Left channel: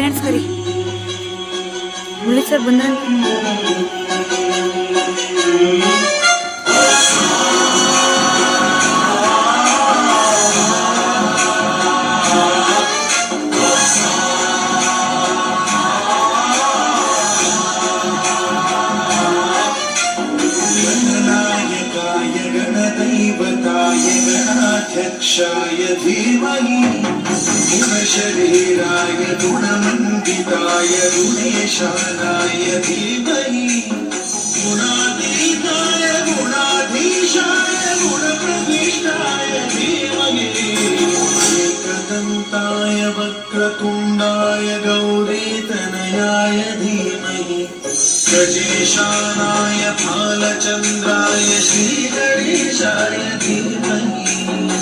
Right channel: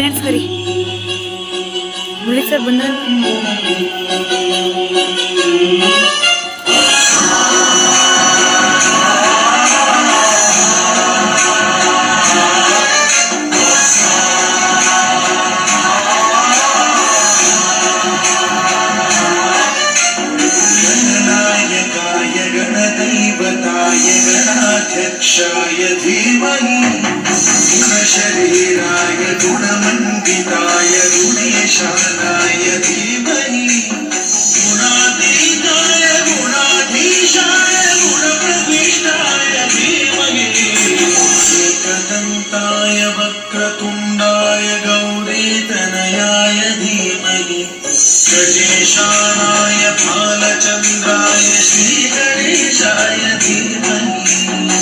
ಪೇರೆಂಟ್ಸ್ಗೆ ರೀ ಮುಳಿ ಸರ್ गणाध्यक्षाय धीमहि। गुणशरीराय गुणमण्डिताय, गुणेशानाय धीमहि। गुणातीताय, गुणाधीशाय गुणप्रविष्टाय धीमहि। एकदन्ताय वक्रतुण्डाय, गौरीतनयाय धीमहि। गजेशानाय फालचन्द्राय श्रीगणेशाय धीमहि।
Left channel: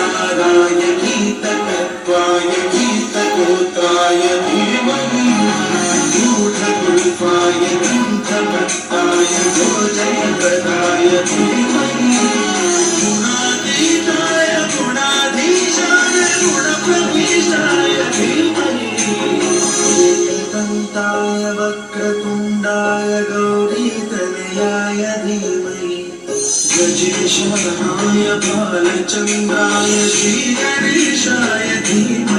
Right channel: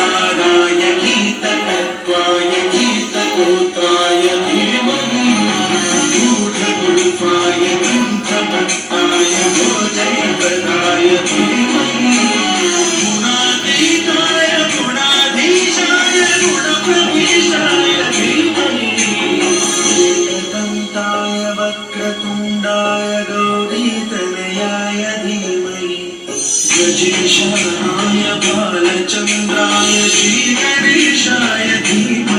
गीतसाराय गीततत्त्वाय गीतगोत्राय धीमहि। गूढगुल्फाय ग्रन्थभक्ताय गोजयप्रदाय धीमहि। गुणातीताय गुणाधीशाय गुणप्रविष्टाय धीमहि। एकदन्ताय बालचन्द्राय श्रीगणेशाय धीमहि